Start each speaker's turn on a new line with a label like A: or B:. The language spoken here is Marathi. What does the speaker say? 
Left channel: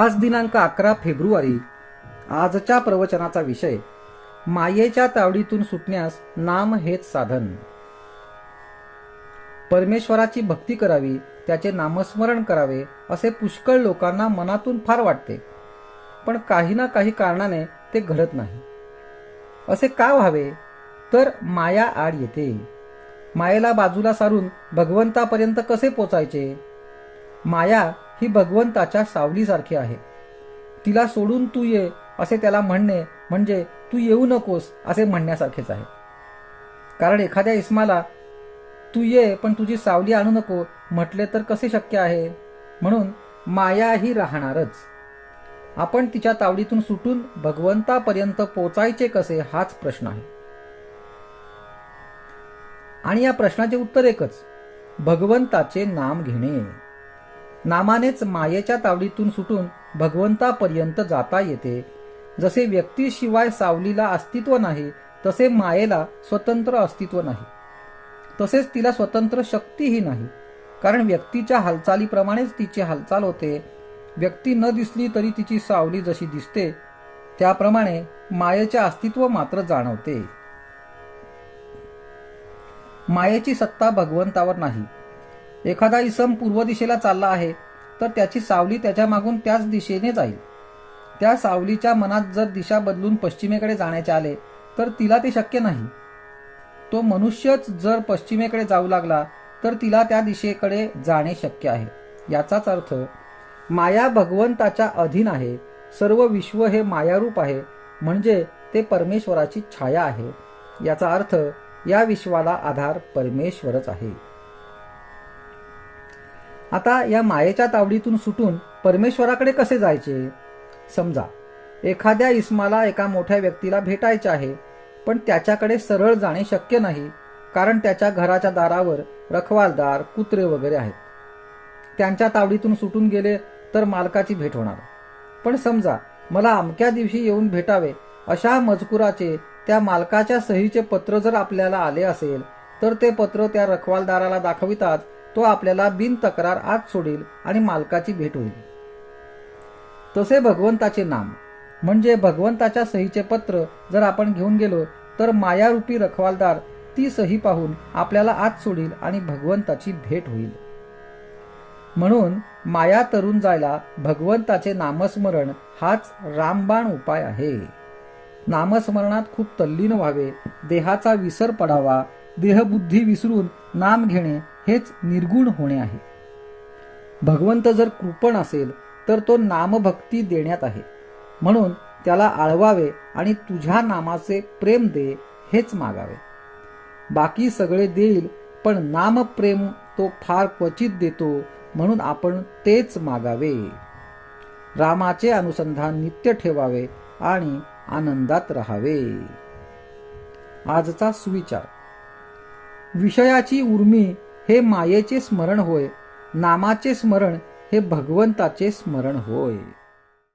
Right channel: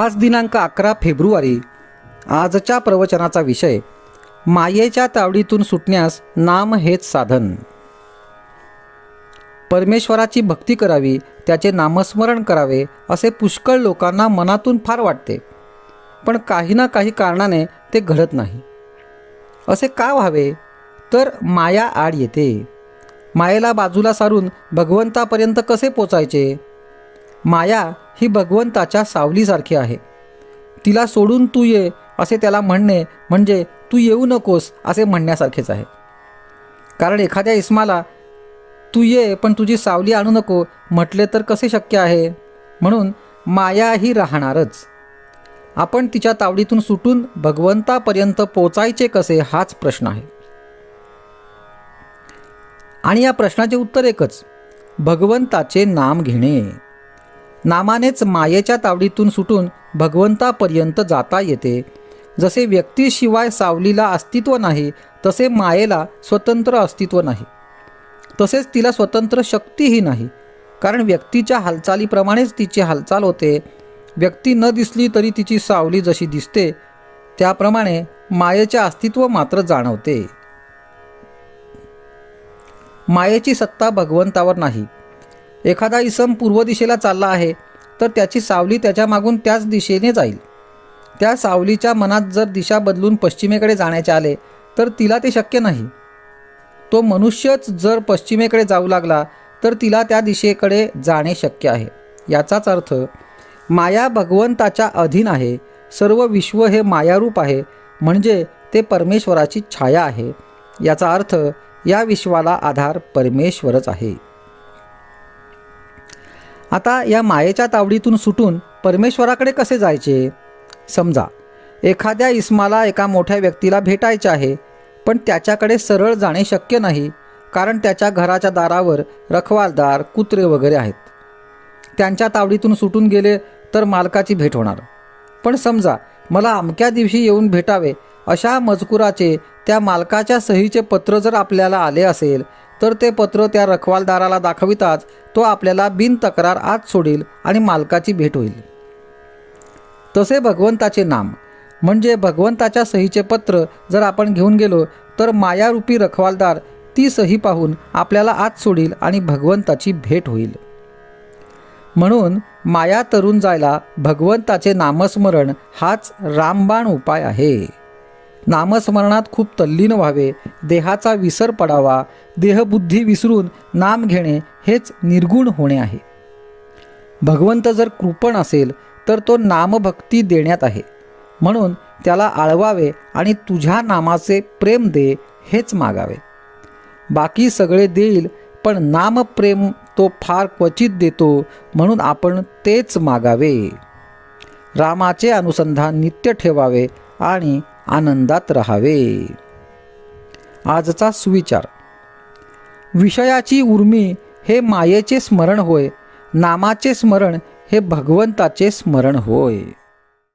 A: आज दिनांक अकरा फेब्रुवारी आजच्या प्रवचनाचा विषय मायेच्या तावडीतून सुटण्यास नाम हेच साधन परमेश्वराची भक्ती करावी त्याचे नामस्मरण करावे असे पुष्कळ लोकांना मनातून फार वाटते पण काही ना काही कारणाने ते घडत नाही असे का व्हावे तर माया आड येते मायेला बाजूला सारून भगवंतापर्यंत कसे पोचायचे माया ही भगवंताच्या सावलीसारखी आहे तिला सोडून तू ये असे त्याला म्हणणे म्हणजे तू येऊ नकोस असे म्हणण्यासारखेच आहे कारण एखाद्या इस्माला तू ये पण तुझी सावली आणू नको म्हटले तर कसे शक्य आहे म्हणून माया ही राहणारच आपण तिच्या तावडीतून सुटून भगवंतापर्यंत पोचायचे कसे हाच प्रश्न आहे आणि या प्रश्नाचे उत्तर एकच भगवंताचे नाम घेणे नामानेच मायेच्या तावडीतून सुटून भगवंतापर्यंत जाता येते जसे व्यक्तीशिवाय सावलीला अस्तित्व नाही तसे मायेला स्वतंत्र अस्तित्व नाही तसेच तिला स्वतंत्र शक्तीही नाही कारण व्यक्तीच्या हालचालीप्रमाणेच तिची हालचाल होते व्यक्ती न दिसली तरी तिची सावली जशी दिसते त्याप्रमाणे मायेचे अस्तित्व मात्र जाणवते मायेची सत्ता भगवंतावर नाही एखादा इसम पूर्व दिशेला चालला आहे तर त्याची सावली त्याच्या मागून त्याच दिशेने जाईल त्या सावलीच्या मनात जर दिशा बदलून पश्चिमेकडे जाण्याचे आले तर तिला ते शक्य नाही तो मनुष्यच जर पश्चिमेकडे जाऊ लागला तर तिला त्या दिशेकडे जाणे शक्य आहे याचाच अर्थ माया भगवंताच्या अधीन आहे सर्व विश्व हे मायारूप आहे म्हणजे ते परमेश्वराची छाया आहे याचा अर्थ या विश्वाला आधार परमेश्वरच आहे आता या मायेच्या तावडीतून सुटून परमेश्वराकडे कसे जायचे समजा एखाद्या इस्माला एका मोठ्या व्यक्तीला भेटायचे आहे पण त्याच्याकडे सरळ जाणे शक्य नाही कारण त्याच्या घराच्या दारावर रखवालदार कुत्रे वगैरे आहेत त्यांच्या तावडीतून सुटून गेले तर मालकाची भेट होणार पण समजा मला अमक्या दिवशी येऊन भेटावे अशा मजकुराचे त्या मालकाच्या सहीचे पत्र जर आपल्याला आले असेल तर ते पत्र त्या रखवालदाराला दाखविताच तो आपल्याला बिन तक्रार आत सोडेल आणि मालकाची भेट होईल तसे भगवंताचे नाम म्हणजे भगवंताच्या सहीचे पत्र जर आपण घेऊन गेलो तर मायारूपी रखवालदार ती सही पाहून आपल्याला आत सोडील आणि भगवंताची भेट होईल म्हणून माया तरुण जायला भगवंताचे नामस्मरण हाच रामबाण उपाय आहे नामस्मरणात खूप तल्लीन व्हावे देहाचा विसर पडावा देहबुद्धी विसरून नाम घेणे हेच निर्गुण होणे आहे भगवंत जर कृपण असेल तर तो नामभक्ती देण्यात आहे म्हणून त्याला आळवावे आणि तुझ्या नामाचे प्रेम दे हेच मागावे बाकी सगळे देईल पण नामप्रेम तो फार क्वचित देतो म्हणून आपण तेच मागावे रामाचे अनुसंधान नित्य ठेवावे आणि आनंदात राहावे आजचा सुविचार विषयाची उर्मी हे मायेचे स्मरण होय नामाचे स्मरण हे भगवंताचे स्मरण होय